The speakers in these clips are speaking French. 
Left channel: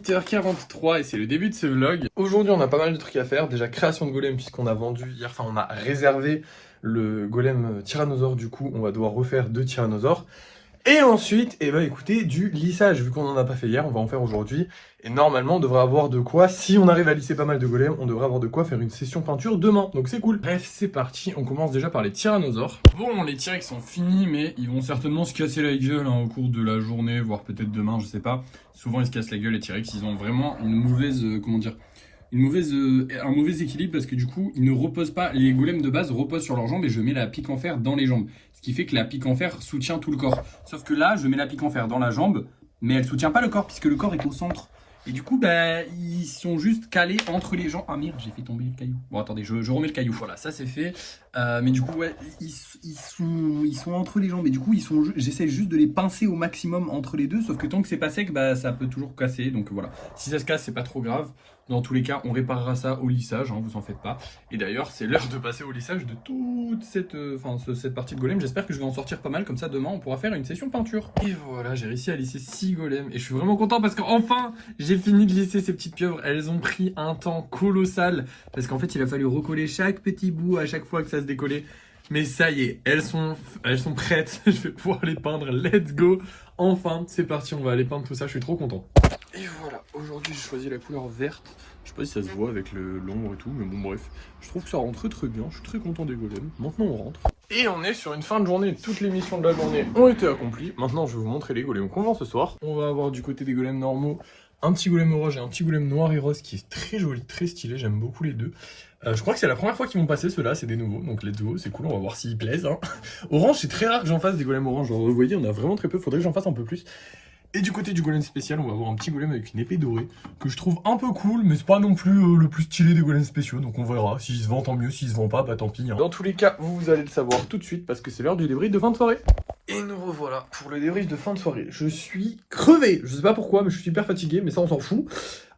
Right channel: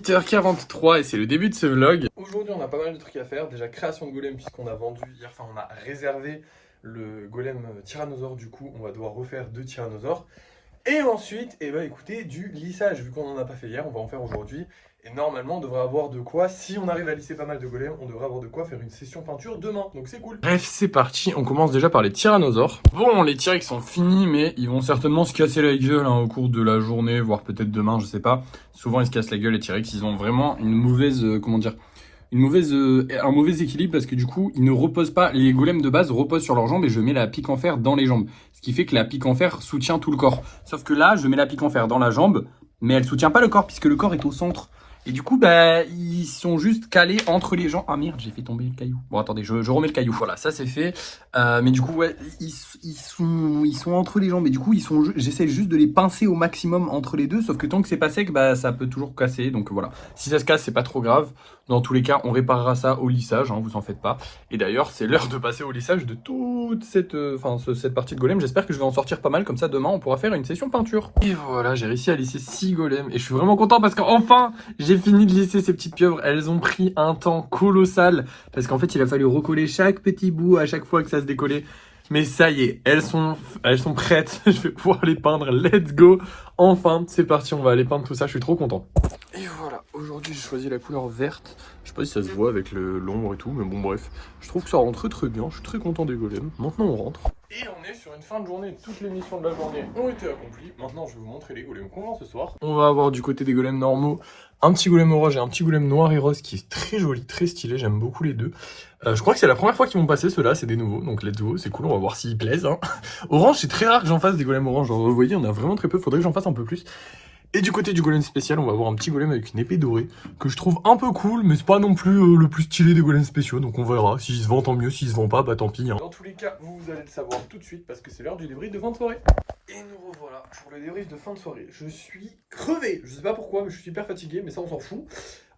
8h43 et c'est le début de ce vlog. Aujourd'hui on a pas mal de trucs à faire. Déjà création de golem puisqu'on a vendu hier, enfin on a réservé le golem tyrannosaure, du coup on va devoir refaire 2 tyrannosaures. Et ensuite, eh ben, écoutez, du lissage, vu qu'on n'en a pas fait hier, on va en faire aujourd'hui. Et normalement, on devrait avoir de quoi, si on arrive à lisser pas mal de golems, on devrait avoir de quoi faire une session peinture demain. Donc c'est cool. Bref, c'est parti, on commence déjà par les tyrannosaures. Bon, les T-Rex sont finis, mais ils vont certainement se casser la gueule au cours de la journée, voire peut-être demain, je sais pas. Souvent, ils se cassent la gueule, les T-Rex, ils ont vraiment une mauvaise, un mauvais équilibre parce que du coup, ils ne reposent pas, les golems de base reposent sur leurs jambes et je mets la pique en fer dans les jambes. Ce qui fait que la pique en fer soutient tout le corps. Sauf que là, je mets la pique en fer dans la jambe, mais elle soutient pas le corps puisque le corps est au centre. Et du coup, bah, ils sont juste calés entre les jambes. Ah merde, j'ai fait tomber le caillou. Bon, attendez, je remets le caillou. Voilà, ça c'est fait. Mais du coup, ouais, ils sont entre les jambes. Et du coup, j'essaie juste de les pincer au maximum entre les deux. Sauf que tant que c'est pas sec, bah, ça peut toujours casser. Donc voilà, si ça se casse, c'est pas trop grave. Dans tous les cas, on réparera ça au lissage, hein, vous en faites pas. Et d'ailleurs, c'est l'heure de passer au lissage de toute cette partie de golem. J'espère que je vais en sortir pas mal, comme ça demain on pourra faire une session peinture. Et voilà, j'ai réussi à lisser 6 golems. Et je suis vraiment content parce qu'enfin, j'ai fini de lisser ces petites pieuvres. Elles ont pris un temps colossal. Parce qu'en fait, il a fallu recoller chaque petit bout à chaque fois que ça se décollait. Mais ça y est, elles sont prêtes. Je vais pouvoir les peindre. Let's go. Enfin, c'est parti, on va aller peindre tout ça. Je suis trop content. Et voilà, aujourd'hui j'ai choisi la couleur verte. Je sais pas si ça se voit avec l'ombre et tout, mais bon bref. Je trouve que ça rend très bien, je suis très content des golems. Maintenant on rentre. Et on est sur une fin de journée, toutes les missions de la journée ont été accomplies. Maintenant je vais vous montrer les golems qu'on vend ce soir. On va avoir du côté des golems normaux un petit golem orange et un petit golem noir et rose qui est très joli, très stylé, j'aime beaucoup les deux. Je crois que c'est la première fois qu'ils vont passer ceux-là, c'est des nouveaux, donc let's go, c'est cool, on va voir s'ils plaisent. Hein. Orange, c'est très rare que j'en fasse des golems orange, genre, vous voyez, on a vraiment très peu, faudrait que j'en fasse un peu plus. Et du côté du golem spécial, on va avoir un petit golem avec une épée dorée, que je trouve un peu cool, mais c'est pas non plus le plus stylé des golems spéciaux, donc on verra. S'il se vend, tant mieux, s'il se vend pas, bah tant pis. Hein. Dans tous les cas, vous allez le savoir tout de suite, parce que c'est l'heure du débrief de fin de soirée. Et nous revoilà pour le débrief de fin de soirée. Je suis crevé, je sais pas pourquoi, mais je suis hyper fatigué, mais ça on s'en fout.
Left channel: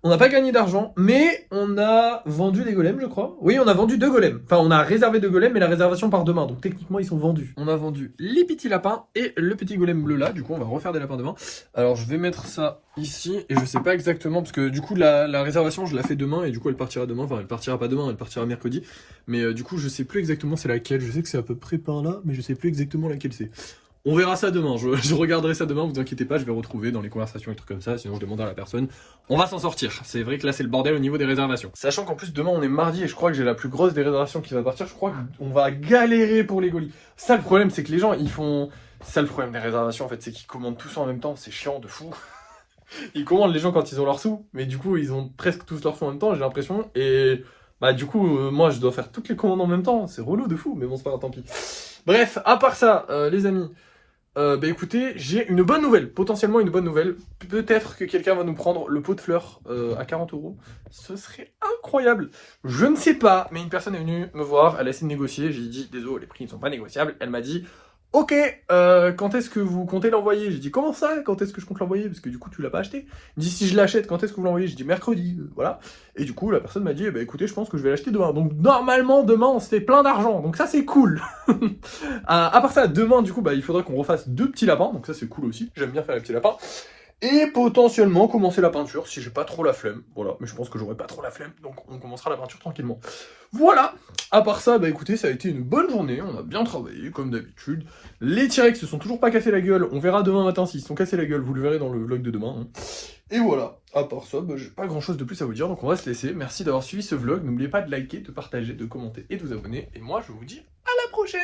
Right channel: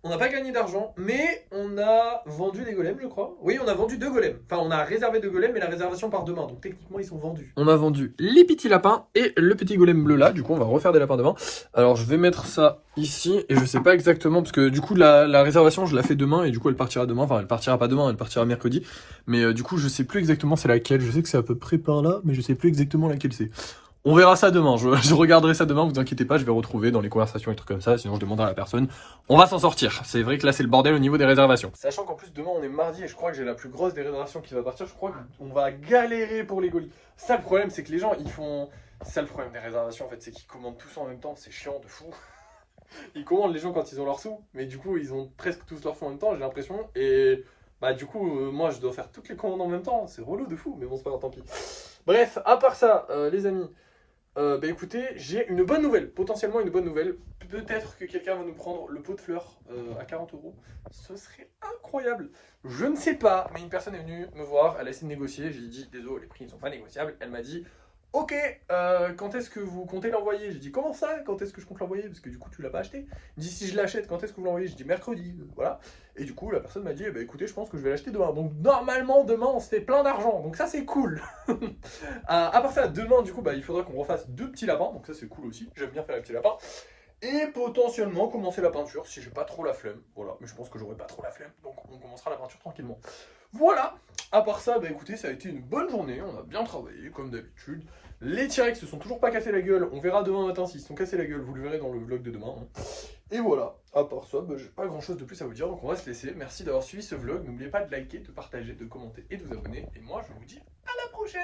On n'a pas gagné d'argent, mais on a vendu des golems, je crois. Oui, on a vendu 2 golems. Enfin, on a réservé 2 golems, mais la réservation part demain. Donc techniquement, ils sont vendus. On a vendu les petits lapins et le petit golem bleu là. Du coup, on va refaire des lapins demain. Alors, je vais mettre ça ici. Et je sais pas exactement, parce que du coup, la réservation, je la fais demain. Et du coup, elle partira demain. Enfin, elle partira pas demain, elle partira mercredi. Mais du coup, je sais plus exactement c'est laquelle. Je sais que c'est à peu près par là, mais je sais plus exactement laquelle c'est. On verra ça demain, je regarderai ça demain, vous inquiétez pas, je vais retrouver dans les conversations et trucs comme ça, sinon je demanderai à la personne. On va s'en sortir, c'est vrai que là c'est le bordel au niveau des réservations. Sachant qu'en plus demain on est mardi et je crois que j'ai la plus grosse des réservations qui va partir, je crois qu'on va galérer pour les golis. Ça le problème c'est que les gens ils font... C'est ça le problème des réservations en fait, c'est qu'ils commandent tous en même temps, c'est chiant de fou. Ils commandent les gens quand ils ont leurs sous, mais du coup ils ont presque tous leurs sous en même temps, j'ai l'impression, et... Bah du coup, moi je dois faire toutes les commandes en même temps, c'est relou de fou, mais bon c'est pas grave, tant pis. Bref, à part ça, les amis... bah écoutez, j'ai une bonne nouvelle, potentiellement une bonne nouvelle. Peut-être que quelqu'un va nous prendre le pot de fleurs à 40 €. Ce serait incroyable. Je ne sais pas, mais une personne est venue me voir, elle a essayé de négocier. J'ai dit, désolé, les prix ne sont pas négociables. Elle m'a dit, ok, quand est-ce que vous comptez l'envoyer? J'ai dit, comment ça? Quand est-ce que je compte l'envoyer? Parce que du coup, tu l'as pas acheté. Il me dit, si je l'achète, quand est-ce que vous l'envoyez? J'ai dit, mercredi, voilà. Et du coup, la personne m'a dit, bah écoutez, je pense que je vais l'acheter demain. Donc normalement, demain, on se fait plein d'argent. Donc ça, c'est cool. À part ça, demain, du coup, bah, il faudrait qu'on refasse 2 petits lapins. Donc ça, c'est cool aussi. J'aime bien faire les petits lapins. Et potentiellement commencer la peinture si j'ai pas trop la flemme. Voilà, mais je pense que j'aurai pas trop la flemme. Donc on commencera la peinture tranquillement. Voilà. À part ça, bah écoutez, ça a été une bonne journée. On a bien travaillé, comme d'habitude. Les T-Rex se sont toujours pas cassés la gueule. On verra demain matin s'ils se sont cassés la gueule. Vous le verrez dans le vlog de demain. Hein. Et voilà. À part ça, bah, j'ai pas grand chose de plus à vous dire. Donc on va se laisser. Merci d'avoir suivi ce vlog. N'oubliez pas de liker, de partager, de commenter et de vous abonner. Et moi, je vous dis à la prochaine.